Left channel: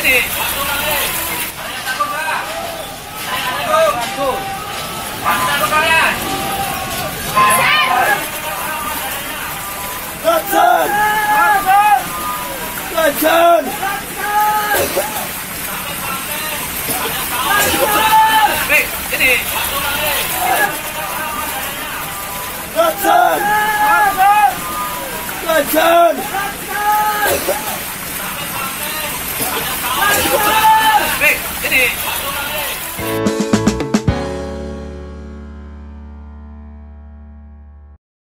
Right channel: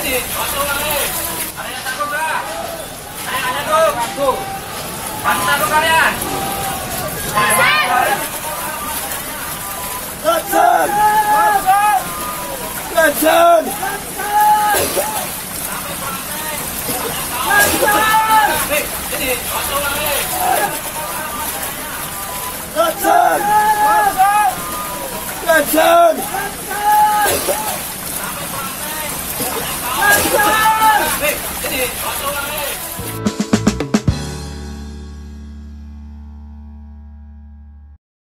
Ini. Ada yang takut nggak? Ada yang takut. Masih takut kalian? Lantern! Lantern! Ini. Lantern! Lantern! Ini.